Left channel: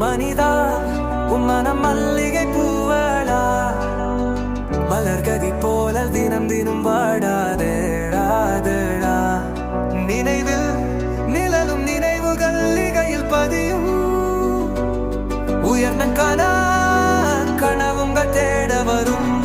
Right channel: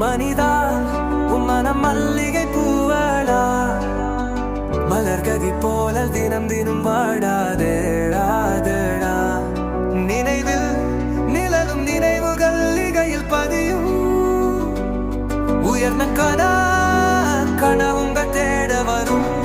மனிதா உம்மனம் மல்லிகை பூவளா. மலர்கதி போல தினம் தினம் வாடாதேடாதேடா நினைவில் நிழலும் நினைவுகள் லிகையில் பதியும். உயர்ந்த கனா கனவுங்க தேட வரும்.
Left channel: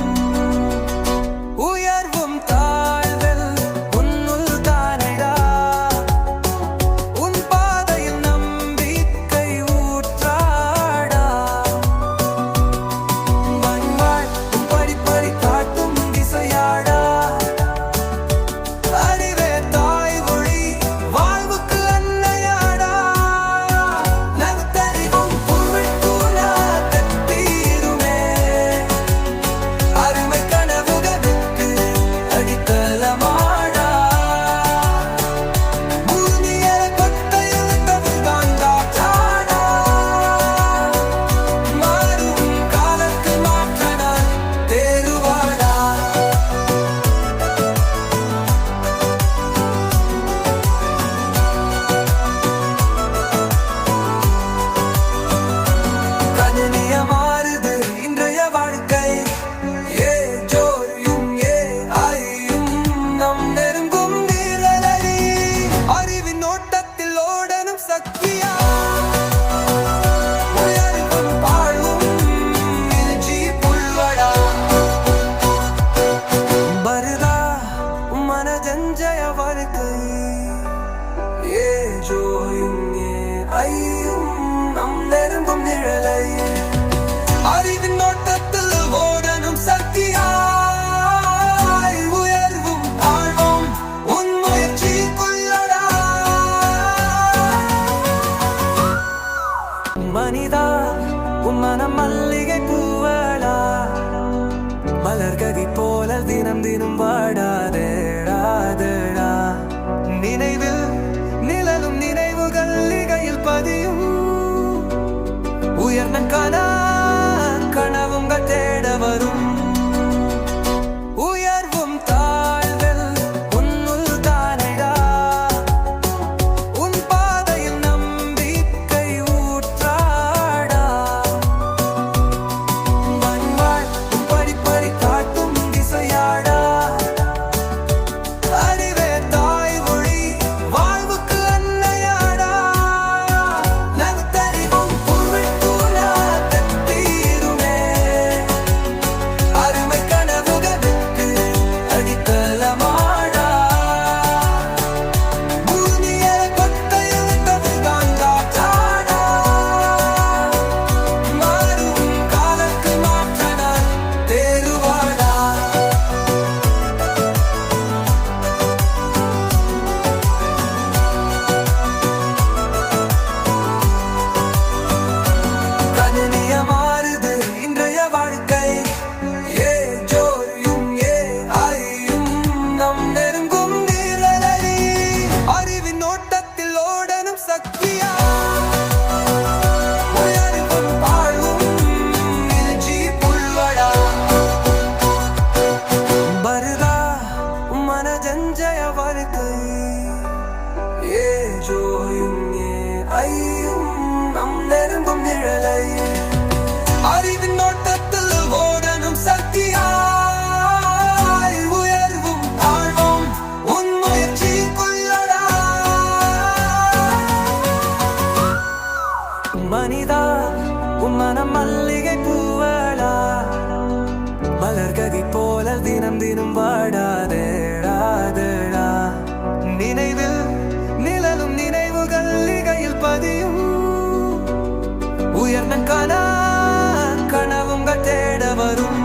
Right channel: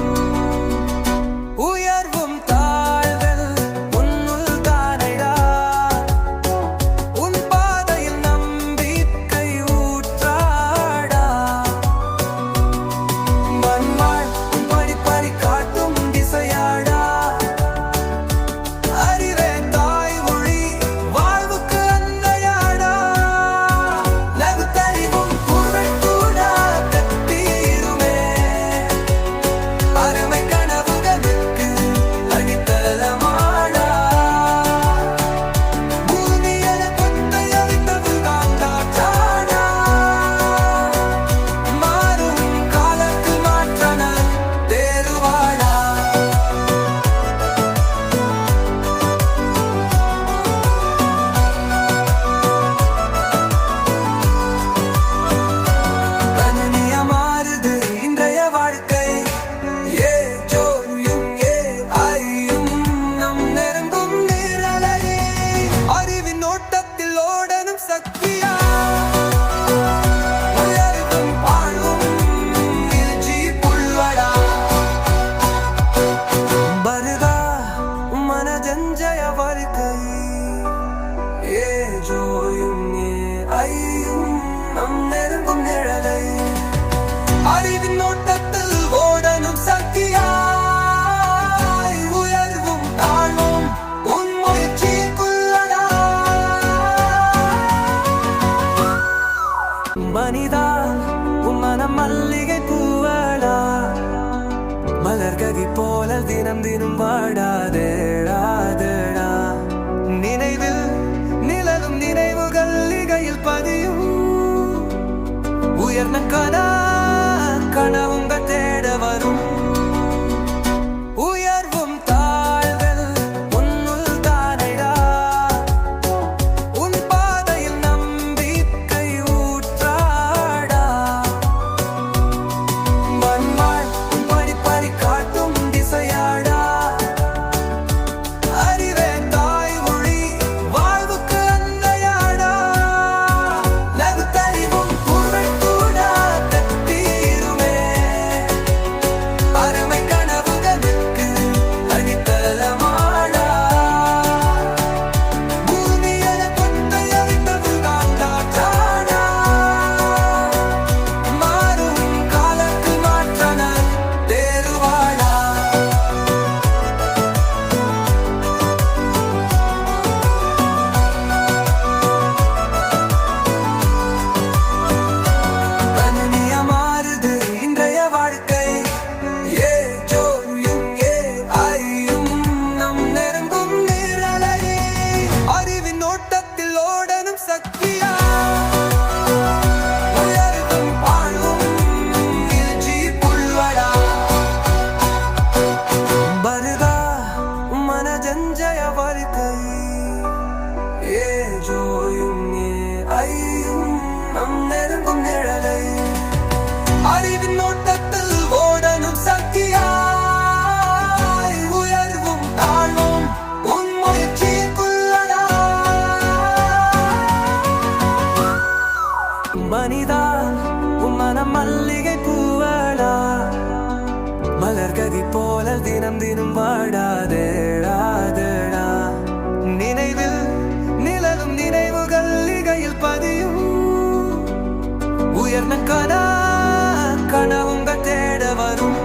மனதஞ்சய வாழ்க்கை. ஏ ஜோயும் ஏ ஐயும் நம் நெருங்கும் நிழலை. அறிவின் நோட்டத்தில் ஓடனும் சக்கியாய் உயர்வும் தாழ்வும் உன் முயற்சிக்குள்ளடா. மனிதா உன் மனம் மல்லிகை பூவளா மலர்கதி போல தினம் தினம் வாடாதேடாதேடா நினைவில் நிழலும் நினைவுகள் இகையில் பதியும். உயர்ந்த கனா கனவுங்க தேட வரும். வாழ்க்கை ஏ ஜோயும் ஏ ஐயும் நம் நெருங்கும் நிழலை. அறிவின் நோட்டத்தில் ஓடனும் சக்கியாய் உயர்வும் தாழ்வும் உன் முயற்சிக்குள்ளடா. மனிதா உன் மனம் மல்லிகை பூவளா மலர்கதி போல தினம் தினம் வாடாதேடாதேடா நினைவில் நிழலும் நினைவுகள் இகையில் பதியும். உயர்ந்த கனா கனவுங்க தேட வரும்.